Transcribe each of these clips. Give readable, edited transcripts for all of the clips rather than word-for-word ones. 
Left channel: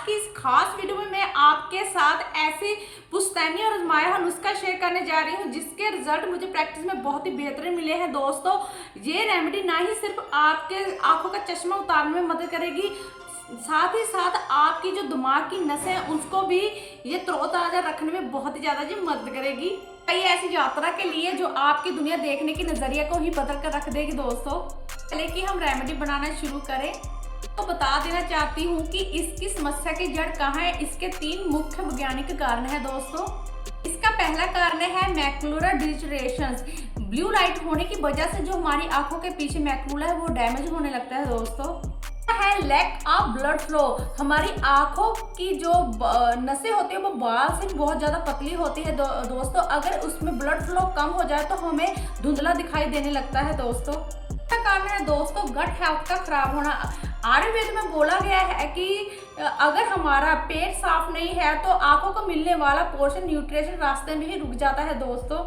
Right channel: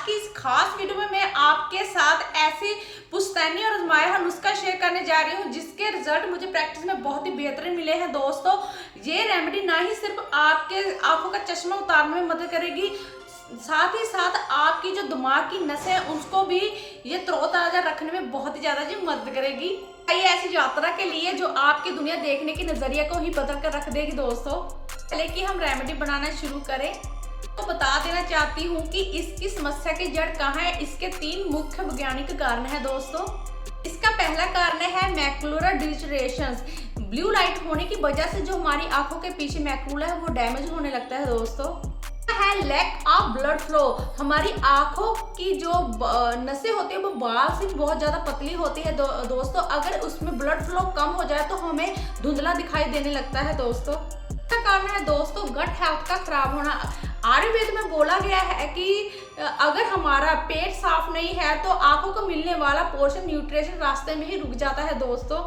की इस खास वीडियो में मैं आपके साथ ऐसी पुश्तैनी और आजमाया हुआ नुस्खा शेयर करने जा रही हूँ जिसके रिजल्ट मुझे प्रैक्टिस में बहुत ही बेहतरीन मिले हैं दोस्तों। ये रेमेडी ना ही सिर्फ आपके आंखों का चश्मा उतारने में मदद करेगी, साथ ही साथ आपकी जो दिमाग की नसें हैं उसको भी ये तरोताजा रखने में बहुत ही ज्यादा जी मदद करेगी। ये ऐसी यात्रा के लिए जो आपकी दुनिया देखने की नजरिया को ही बदल कर रख देगी दोस्तों। पहले कि हम रेमेडी बनाना शुरू करें तो बता देना चाहती हूँ कि इसकी समस्या की जड़ कहाँ है। इसके 3 मुख्य वैज्ञानिक कारण है दोस्तों। इसका पहला कारण है मैकुलर डिजनरेशंस। ब्लू लाइट होने की वजह से जो हमारी आंखों के पीछे मैकुला है वो डैमेज होने लगता है दोस्तों। है लैक ऑफ ब्लड फ्लो। हमारी आंखों की जो नसें होती है वो बाल से बहुत ज्यादा पतली होती है दोस्तों। अगर उसमें ब्लड फ्लो कम हो जाए तो हमें धुंधला दिखाई देने लगता है दोस्तों। कारण है दोस्तों गट हेल्थ का खराब होना। आयुर्वेद में बोला गया है कि अगर हमारा पेट साफ नहीं है तो आंखों को मिलने वाला पोषण न्यूट्रिशन रास्ते में ही रुक जाता है दोस्तों।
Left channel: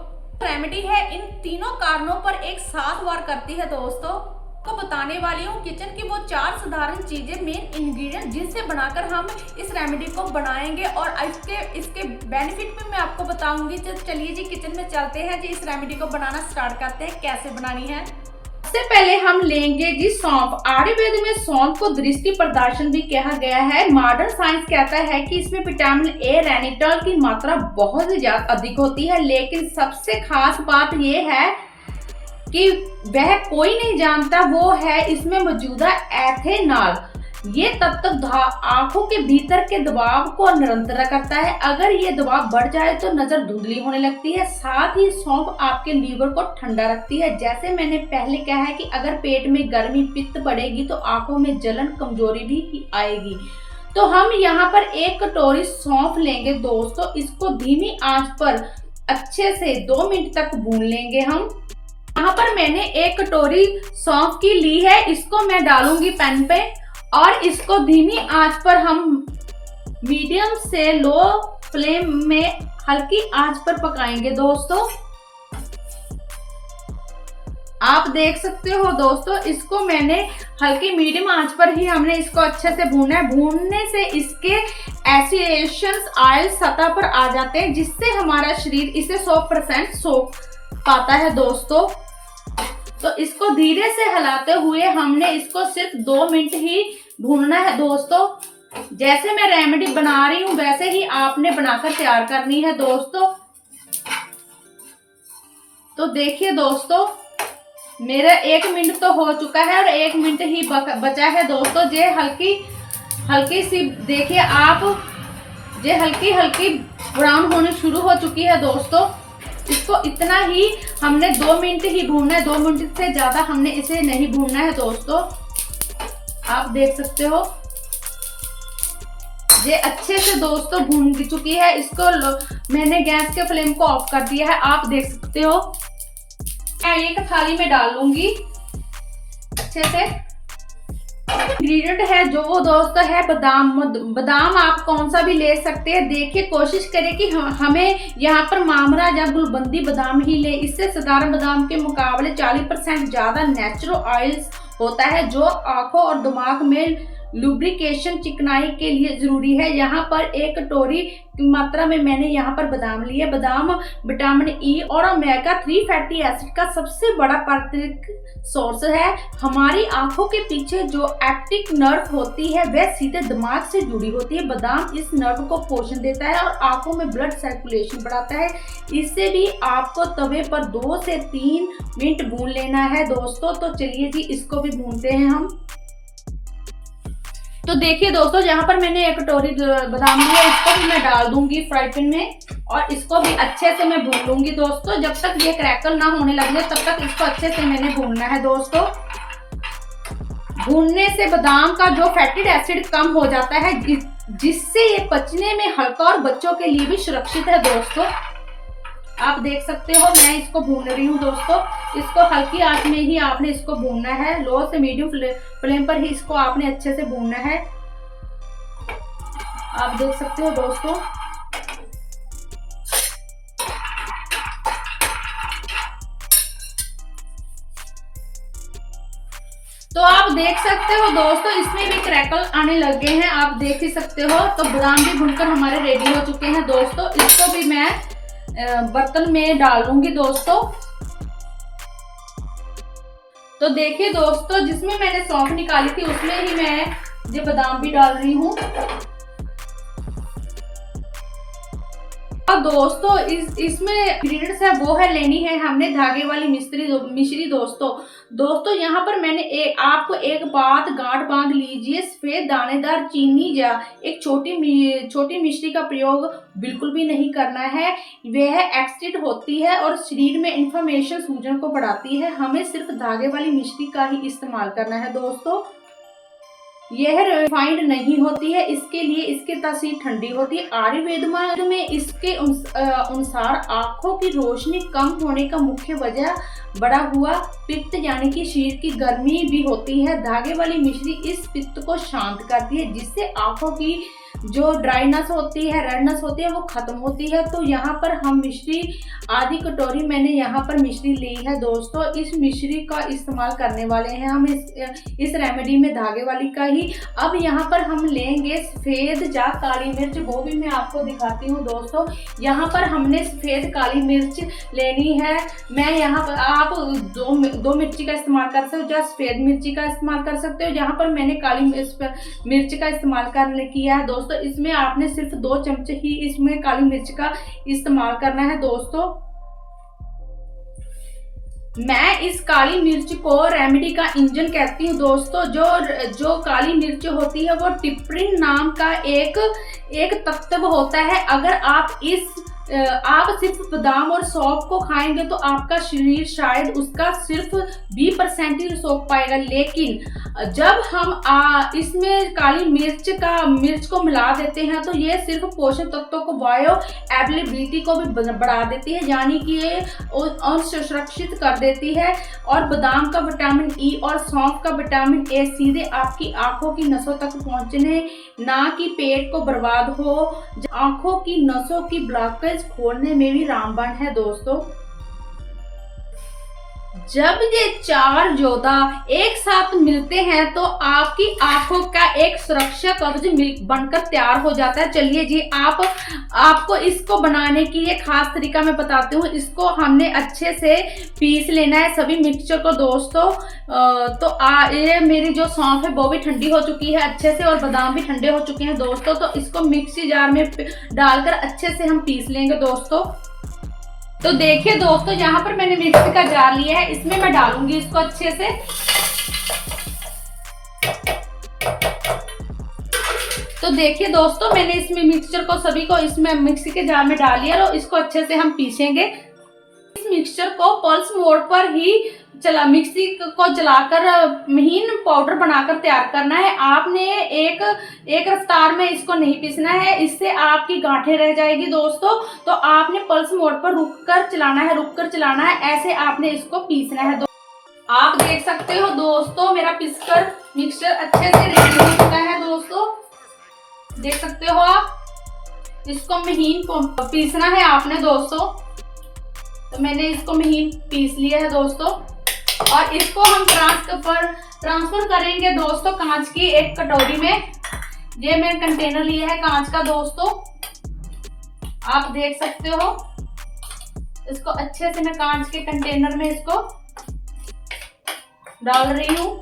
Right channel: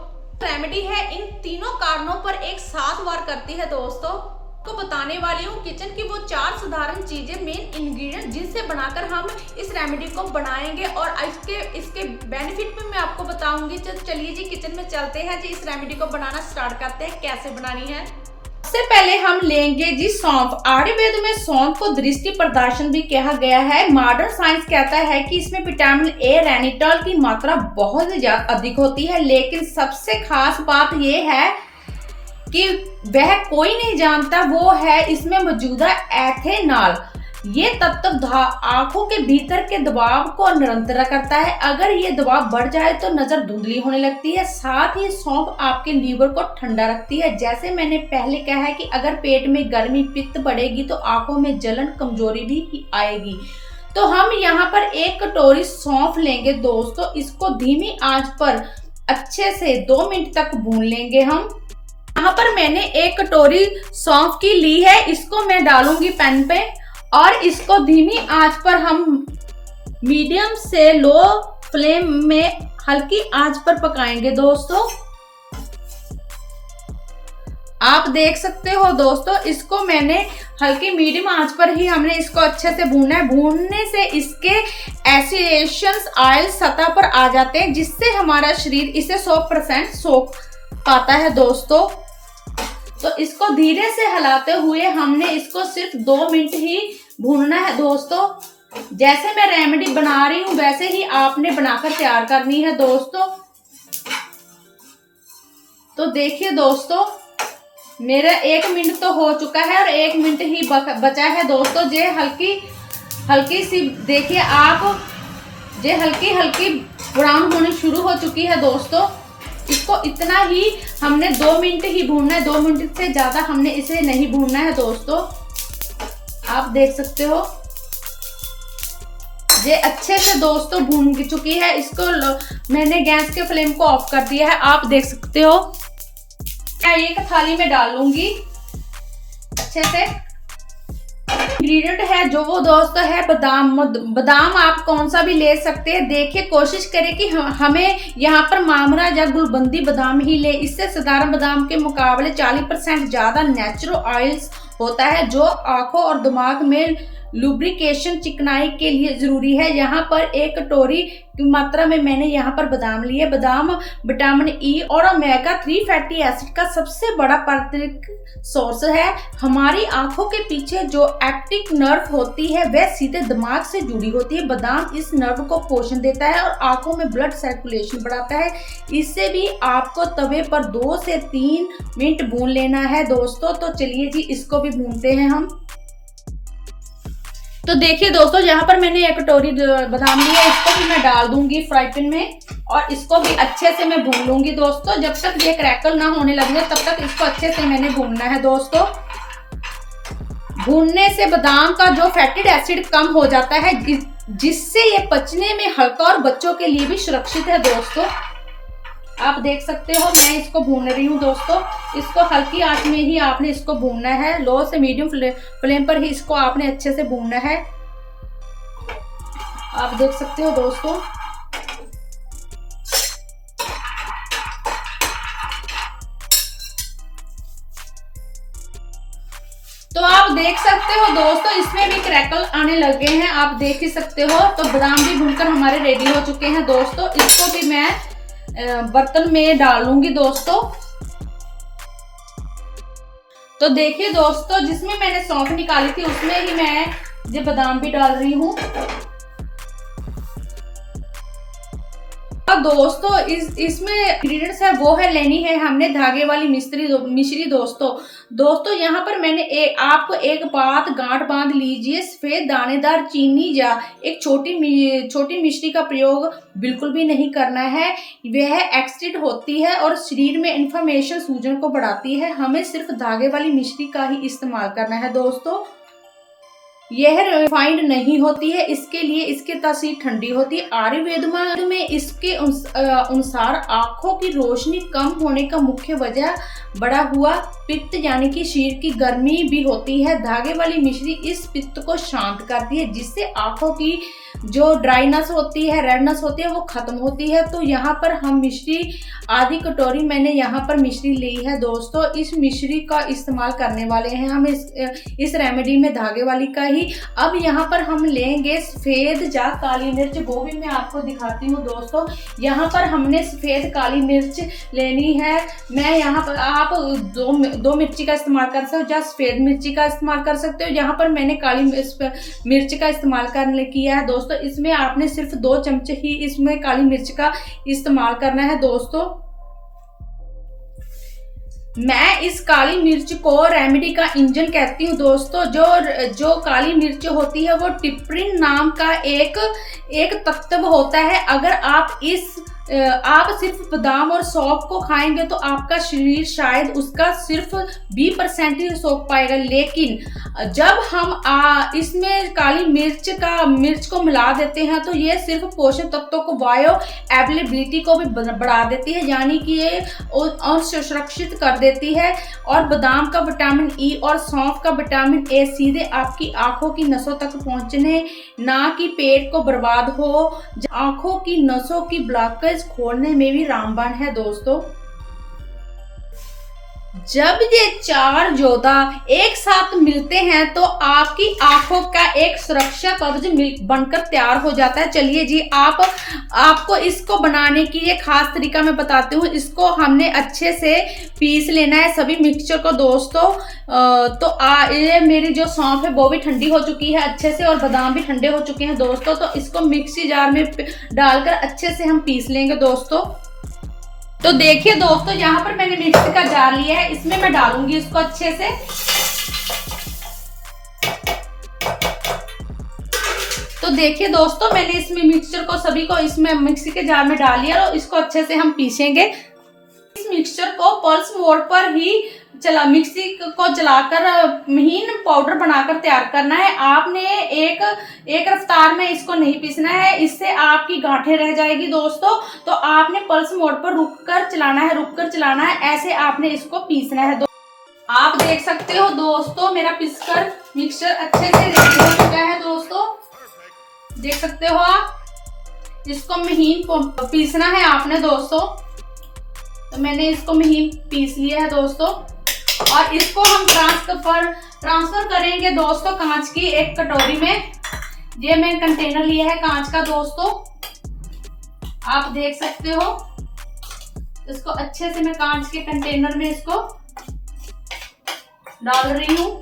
रेमेडी है इन तीनों कारणों पर एक साथ वार करती है दोस्तों। को बताने वाली हूँ किचन की वो 4 साधारण चीजें, मेन इंग्रेडिएंट जिनसे बनाकर हम इस रेमेडी को बनाएंगे और इसके बेनिफिट भी मैं आपको बताऊंगी। चलिए जी किचन में चलते हैं जी, इस रेमेडी को बनाना स्टार्ट करते हैं। कैसे बनानी है, सबसे पहले हम लेंगे जी सौंफ। आयुर्वेद में सौंफ को दृष्टि प्रदाशन भी कहा गया है। मॉडर्न साइंस कहता है कि इसमें विटामिन ए रेनिटॉल की मात्रा बहुत ही ज्यादा अधिक होती है, लेकिन सबसे खास बात यह है कि वह कोई नहीं जानता, वो है इसमें मौजूदा एथेनॉल। ये तत्व आंखों के भीतर के दबाव को निरंतर करता है। अगर ये दबाव बढ़ जाए तो नजर धुंधली होने लगती है। साथ ही सौंफ आपके लीवर को ठंडा रखती है। जैसे मैंने पहले कहा है कि अगर पेट में गर्मी पित्त बढ़ेगी तो आंखों में जलन कमजोरी भी आएगी। तो हम यहाँ पर 1 कटोरी सौंफ लेंगे दोस्तों। इसको धीमी आंच पर अच्छे से 2 मिनट तक भून लेंगे हम। यहाँ पर मैंने 1 कटोरी सौंफ की ली है, इसको मैं डालूंगी पैन पे और इसको धीमी आंच पर हम मीडियम से लो फ्लेम में हल्की आंच पर पकाएंगे दोस्तों। आप देख सकते हो दोस्तों, इसको मैंने हल्की मीडियम आंच पर ही हमने इसको अच्छे से भूनना है। भूनने से इसके एसेंशियल ऑयल सतह पर आ जाते हैं जिससे हमारा शरीर इसे 100% सोख पाता है दोस्तों। तो इसको धीरे से हिलाते हुए हमने इसको सिर्फ 2 मिनट ही भूनना है दोस्तों। जैसे मैं रेमेडी बना रही हूँ वैसे ही आपने बनाकर तैयार करनी है दोस्तों। तो देखिए दोस्तों, मेरा 1 मिनट तो हो चुका है और 1 मिनट ही बचा है दोस्तों। जे हल्की सी देखिए आप, जे हल्की ब्राउन होने शुरू हो चुकी है दोस्तों। इसको इतना ही हमने 2 मिनट ही भूनना है, 2 मिनट से ज्यादा हमने इसे नहीं भूनना है दोस्तों। आप देख सकते हो ये अच्छे से दोस्तों भून चुकी है। इसको मैंने गैस के फ्लेम को ऑफ कर दिया है, आप देख सकते हो। मैं एक थाली में डाल लूंगी अच्छे से। इंग्रेडिएंट है जो वो दोस्तों है बादाम आप कौन सा भी ले सकते हैं। देखिए कोशिश करें कि हमें यहाँ पर मामरा या गुलबंदी बादाम ही ले। इससे साधारण बादाम के मुकाबले 40% ज्यादा नेचुरल ऑयल्स होता है जो आंखों और दिमाग में लुब्रिकेशन चिकनाई के लिए जरूरी है। यहाँ पर 1 कटोरी की मात्रा में मैंने यहाँ पर बादाम लिए। बादाम विटामिन ई और ओमेगा 3 फैटी एसिड का सबसे बड़ा प्राकृतिक सोर्स है। हमारी आंखों के पीछे जो ऑप्टिक नर्व होती है वह सीधे दिमाग से जुड़ी होती है। बादाम इस नर्व को पोषण देता है और आंखों में ब्लड सर्कुलेशन बढ़ाता है। इससे भी आपको तवे पर 2 से 3 मिनट भून लेना है दोस्तों। तो चलिए जी इसको भी भूनते हैं हम। तो देखिए दोस्तों, यहाँ पर मैंने 1 कटोरी बादाम लिया, इसको भी मैं डाल दूंगी फ्राई पैन में और इसको भी अच्छे से मैं भून लूंगी दोस्तों। जब तक ये क्रैकल ना होने लगे तब तक इसको अच्छे से मैंने भूनना है दोस्तों। भूनने से बादाम का जो फैटी एसिड कम हो जाता है जिससे ये पचने में हल्का और बच्चों के लिए भी सुरक्षित है दोस्तों। आप देख सकते हो मैं इसको भून रही हूँ दोस्तों। इसको हल्की आंच में ही आपने इसको भूनना है, लो से मीडियम फ्लेम पर ही इसको आपने अच्छे से भूनना है। आप देख सकते हो दोस्तों। तो आप देख सकते हो दोस्तों, इसमें भी क्रैकल आने लगे हैं, आप देख ही सकते हो। तो बादाम भी भुनकर हमारे रेडी हो चुके हैं दोस्तों। इसको भी मैं बर्तन में डालूंगी दोस्तों। तो देखिए दोस्तों, जिसमें मैंने सौंफ निकाली थी उसमें ही मैं ये बादाम भी डाल रही हूँ। और दोस्तों इसमें इंग्रेडिएंट्स है वो है, लेनी है हमने धागे वाली मिश्री दोस्तों यहाँ पर मैंने आपको एक बात गांठ बांध लीजिए, सफेद दानेदार चीनी या एक छोटी मिश्री का प्रयोग बिल्कुल भी नहीं करना है। वह एक्सिड होती है और शरीर में इन्फ्लेमेशन, सूजन को बढ़ाती है। हमें सिर्फ धागे वाली मिश्री का ही इस्तेमाल करना है दोस्तों। यह रिफाइंड नहीं होती है, इसके लिए इसकी तासीर ठंडी होती है। आयुर्वेद में इसके अनुसार आंखों की रोशनी कम होने का मुख्य वजह बढ़ा हुआ पित्त यानी कि शरीर की गर्मी भी होती है। धागे वाली मिश्री इस पित्त को शांत करती है, जिससे आंखों की जो ड्राइनेस होती है, रेडनेस होती है, वो खत्म होती है। तो यहाँ पर हम मिश्री आधी कटोरी मैंने यहाँ पर मिश्री ली है दोस्तों। इस मिश्री का इस्तेमाल करने वाले हैं हम इस रेमेडी में, धागे वाली का ही। अब यहाँ पर हम लेंगे सफ़ेद या काली मिर्च, वो भी मैं आपको दिखाती हूँ दोस्तों। यहाँ पर हमने सफ़ेद काली मिर्च लेनी है। मैं यहाँ पर आप दो मिर्ची का इस्तेमाल कर सकते हो या सफ़ेद मिर्ची का इस्तेमाल कर सकते हो। यहाँ पर मैंने काली मिर्च का इस्तेमाल किया है दोस्तों। इसमें आपने सिर्फ 2 चमचे ही इसमें काली मिर्च का इस्तेमाल करना है दोस्तों। मैं इस काली मिर्च को रेमेडी का इंजन कहती हूँ दोस्तों। जो काली मिर्च होती है वो टिप्रिन नाम का एक तत्व होता है। अगर आप सिर्फ बादाम और सौंफ को खाएंगे तो आपका शरीर शायद उसका सिर्फ 20% ही सोख पाएगा, लेकिन जब हम इसमें काली मिर्च को मिला देते हैं तो ये सिर्फ पोषक तत्वों को, बायो अवेलेबिलिटी को भी बढ़ा देती है, यानी कि ये सुरक्षित कर देती है। और बादाम का विटामिन ई और सौंफ का विटामिन ए सीधे आपकी आंखों की नसों तक पहुंचने, ना कि पेट को बर्बाद हो, आंखों की नसों की ब्लॉकेज खोलने में भी रामबाण है दोस्तों। जब ये 4 योद्धा एक साथ मिलते हैं तो आपकी आंखों का एक सुरक्षा कवच बनकर तैयार हो जाता है। चलिए जी, आपको इसको बनाने की ये खास तरीका मैं बताती हूँ। इसको हमने अच्छे से पीस लेना है सभी मिक्सचर को दोस्तों। तो ये मेरी जो सौंफ है वो भी ठंडी हो चुकी है अच्छे से, और बादाम भी ठंडे हो चुके हैं दोस्तों। तो इसको मिक्सी जार में डालकर अच्छे से हम पीस लेंगे दोस्तों। तो देखिए दोस्तों, यहाँ पर मैंने मिक्सी का जार लिया है, इसमें मैं डालूंगी इसको अच्छे से। तो देखिए दोस्तों, मैंने इसमें मिक्सचर को सभी को इसमें मिक्सी के जार में डाल लिया और इसको अच्छे से हम पीसेंगे। इस मिक्सचर को पल्स मोड पर ही मिक्सी को चलाकर महीन पाउडर बनाकर तैयार करना है। आपने एक रफ्तार में इसको नहीं पीसना है, इससे आपकी गांठें रह जाएगी दोस्तों। तो आपने पल्स मोड पर रुककर चलाना है, ऐसे आपने इसको पीसना है। आप देख सकते हो दोस्तों, मेरा पीसकर मिक्सचर अच्छे से रेडी हो चुका है दोस्तों, देख सकते हो आप। इसको महीन पीसना है आपने दोस्तों। तो मैंने इसको महीन पीस लिया है दोस्तों, और इसको हम ट्रांसफर करेंगे दोस्तों कांच की एक कटोरी में। ये मैं कंटेनर लिया है कांच का दोस्तों, आप देख सकते हो। इसको अच्छे से मैं कांच के कंटेनर में इसको डाल रही हूँ।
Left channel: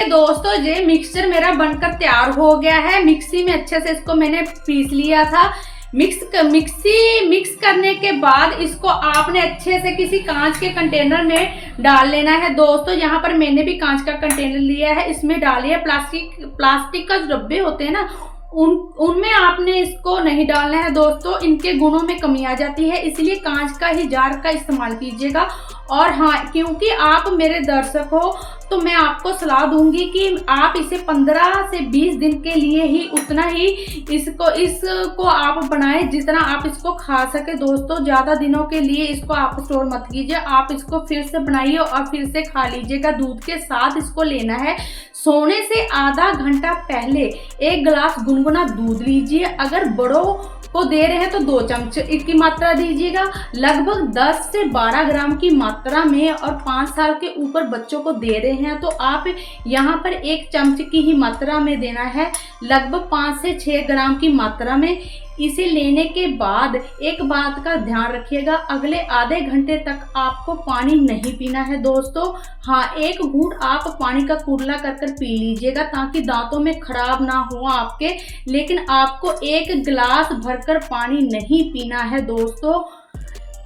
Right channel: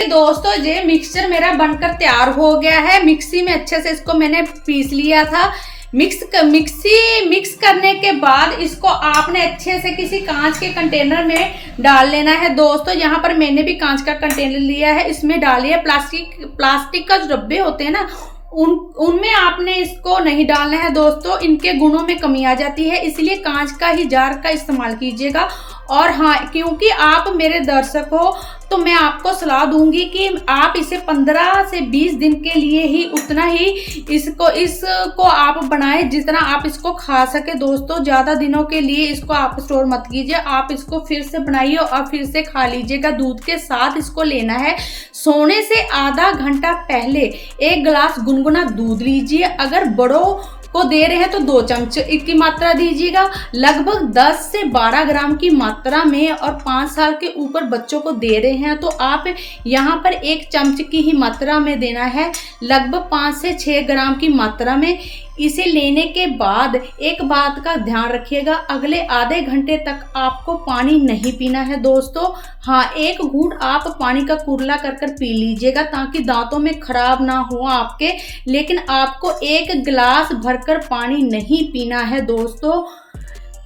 दोस्तों ये मिक्सचर मेरा बनकर तैयार हो गया है। मिक्सी में अच्छे से इसको मैंने पीस लिया था। मिक्स करने के बाद इसको आपने अच्छे से किसी कांच के कंटेनर में डाल लेना है दोस्तों। यहाँ पर मैंने भी कांच का कंटेनर लिया है, इसमें डालिए। प्लास्टिक का जो डब्बे होते हैं ना, उनमें आपने इसको नहीं डालना है दोस्तों, इनके गुणों में कमी आ जाती है, इसलिए कांच का ही जार का इस्तेमाल कीजिएगा। और हाँ, क्योंकि आप मेरे दर्शक हो तो मैं आपको सलाह दूंगी कि आप इसे 15 से 20 दिन के लिए ही उतना ही इसको आप बनाएं जितना आप इसको खा सके दोस्तों। ज़्यादा दिनों के लिए इसको आप स्टोर मत कीजिए, आप इसको फिर से बनाइए और फिर से खा लीजिएगा। दूध के साथ इसको लेना है। सोने से आधा घंटा पहले 1 गिलास गुनगुना दूध लीजिए। अगर बड़ों को दे रहे हैं तो 2 चम्मच की मात्रा दीजिएगा। लगभग 10 से 12 ग्राम की मात्रा में और 5 साल के ऊपर बच्चों को दे रहे हैं तो आप यहाँ पर 1 चम्मच की ही मात्रा में देना है, लगभग 5 से 6 ग्राम की मात्रा में। इसे लेने के बाद एक बात का ध्यान रखिएगा, अगले आधे घंटे तक आपको पानी नहीं पीना है दोस्तों। हाँ, 1 घूंट आप पानी का कुरला कर पी लीजिएगा ताकि दांतों में खराब ना हो आपके, लेकिन आपको 1 गिलास भरकर पानी नहीं पीना है दोस्तों।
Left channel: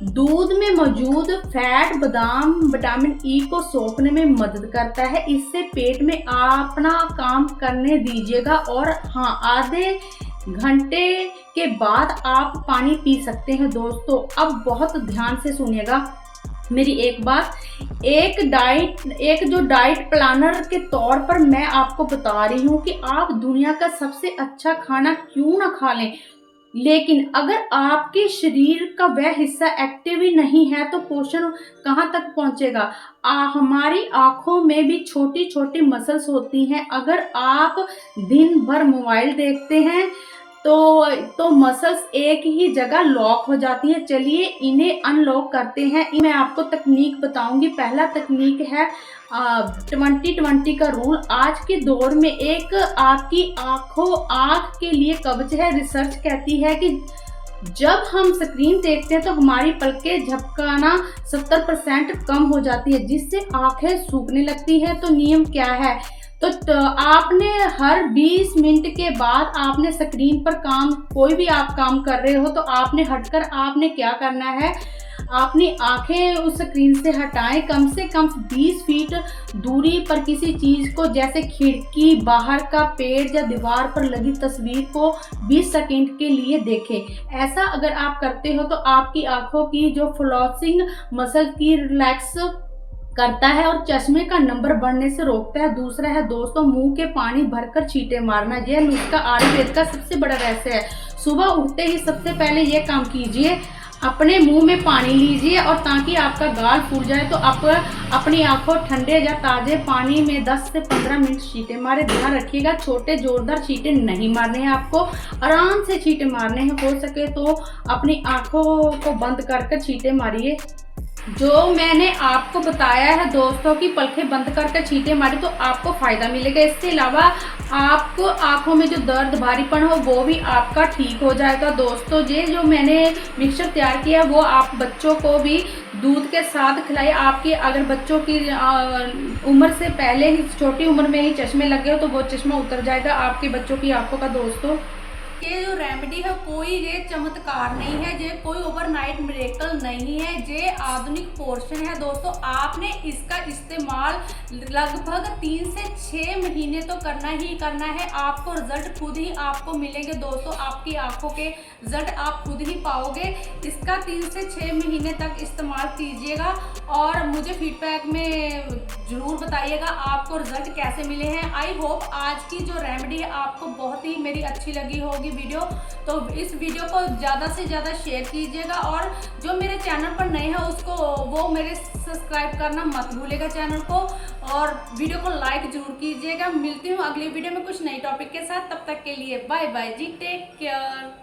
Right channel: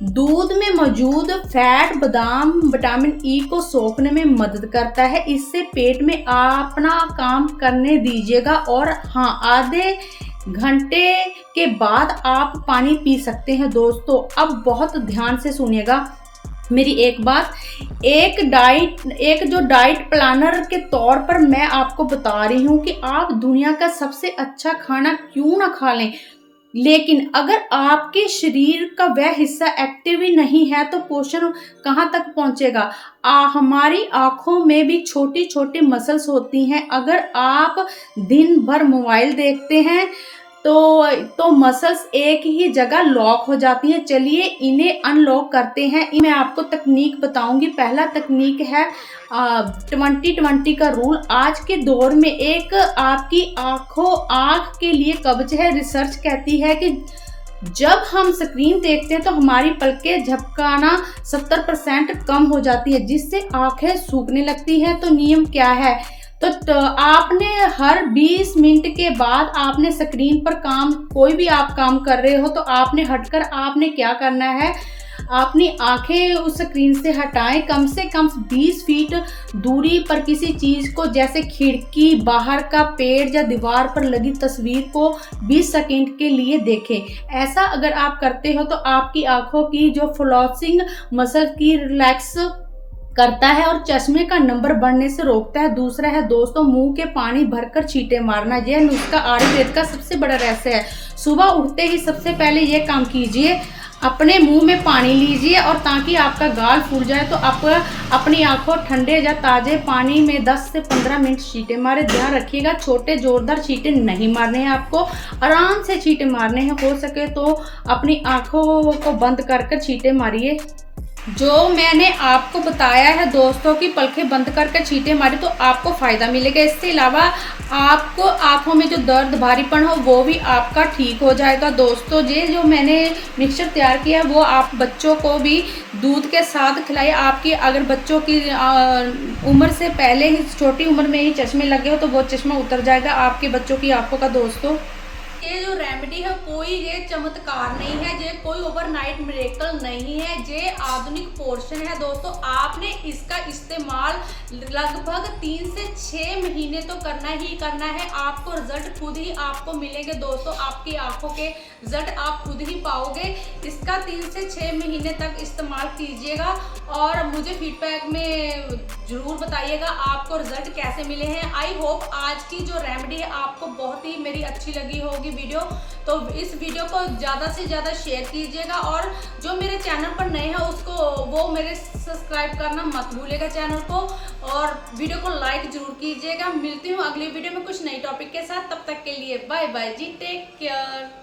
दूध में मौजूद फैट बादाम विटामिन ई को सोखने में मदद करता है, इससे पेट में अपना काम करने दीजिएगा। और हाँ, आधे घंटे के बाद आप पानी पी सकते हैं दोस्तों। अब बहुत ध्यान से सुनिएगा मेरी एक बात, एक जो डाइट प्लानर के तौर पर मैं आपको बता रही हूँ कि आप दुनिया का सबसे अच्छा खाना क्यों ना खा लें, लेकिन अगर आपके शरीर का वह हिस्सा एक्टिव ही नहीं है तो पोषण कहाँ तक पहुँचेगा। हमारी आँखों में भी छोटी छोटी मसल्स होती हैं, अगर आप दिन भर मोबाइल देखते हैं तो मसल्स एक ही जगह लॉक हो जाती हैं। चलिए इन्हें अनलॉक करते हैं। मैं आपको तकनीक बताऊंगी। पहला तकनीक है 20-20 का रूल। आज के दौर में एक आपकी आँख के लिए कब्ज है। रिसर्च कहती है कि जब हम स्क्रीन देखते हैं तो हमारी पलकें झपकाना 70% कम हो जाती है, जिससे आंखें सूखने लगती है। तो नियम क्या है, तो आपने हर 20 मिनट के बाद आपने स्क्रीन पर कोई भी आप काम कर रहे हो तो आपने हटकर आपने क्या करना है, अपनी आंखें उस स्क्रीन से हटाएं। कम से कम 20 फीट दूरी पर किसी चीज को, जैसे खिड़की, बाहर का पेड़ या दीवार पर लगी तस्वीर को 20 सेकंड के लिए देखें। ऐसा अगर आप करते हो तो आपकी आंखों की जो फ्लोसिंग मसल की रिलैक्स करता है और चश्मे का नंबर बढ़ने से रोकता है। दूसरा है दोस्तों, मुंह के पानी भरकर छींटे मारना। यह नुस्खा आयुर्वेद का सबसे बड़ा रहस्य है। सुबह उठते ही सबसे पहले यह काम कीजिए, अपने मुंह में पानी लीजिए और ताकि आपका गाल फूल जाए तो आप अपनी आंखों ठंडे या ताजे पानी में 10 से 15 मिनट छींटे मारे। ध्यान रखिएगा, छोटे जोरदार छींटे नहीं मारने हैं, आपको आराम से छींटे मारने हैं। हो सके तो अपनी आंखों को बंद कर छींटे मारिए। जो मैंने आपको बताया है दोस्तों कि पलकें बंद करके छींटे मारे तो आपको फ़ायदा मिलेगा। इसके अलावा आपको आंखों में जो दर्द भारीपन हो वो भी आपका ठीक हो जाएगा दोस्तों। ये जो मैंने मिक्सचर तैयार किया है वो आप बच्चों को भी दूध के साथ खिलाए। आपकी अगर बच्चों की उम्र से पहले ही, छोटी उम्र में ही चश्मे लगे हो तो वो चश्मा उतर जाएगा आपके बच्चों की आंखों का दोस्तों। ये जो रेमेडी है कोई ये चमत्कार नहीं है, ये कोई ओवरनाइट मिरेकल नहीं है, ये आधुनिक पोर्शन है दोस्तों। आपने इसका इस्तेमाल लगभग 3 से 6 महीने तो करना ही करना है। आपको रिजल्ट खुद ही आपको मिलेंगे दोस्तों। आपकी आंखों के रिजल्ट आप खुद ही पाओगे। इसका 3 से 6 महीने तक इस्तेमाल कीजिएगा और मुझे फीडबैक में ज़रूर बताइएगा आपको रिजल्ट कैसे मिले हैं। आई होप आज की जो रेमेडी है आपको बहुत ही मेरी अच्छी लगी होगी वीडियो। तो इस वीडियो को ज़्यादा से ज़्यादा शेयर कीजिएगा और जो मेरे चैनल पर नए हैं उसको वो मेरे सब्सक्राइब करना मत भूलिएगा चैनल को, और वीडियो को लाइक जरूर कीजिएगा। मिलती हूँ अगली वीडियो में कुछ नई टॉपिक के साथ। तब तक के लिए बाय बाय जी, टेक केयर।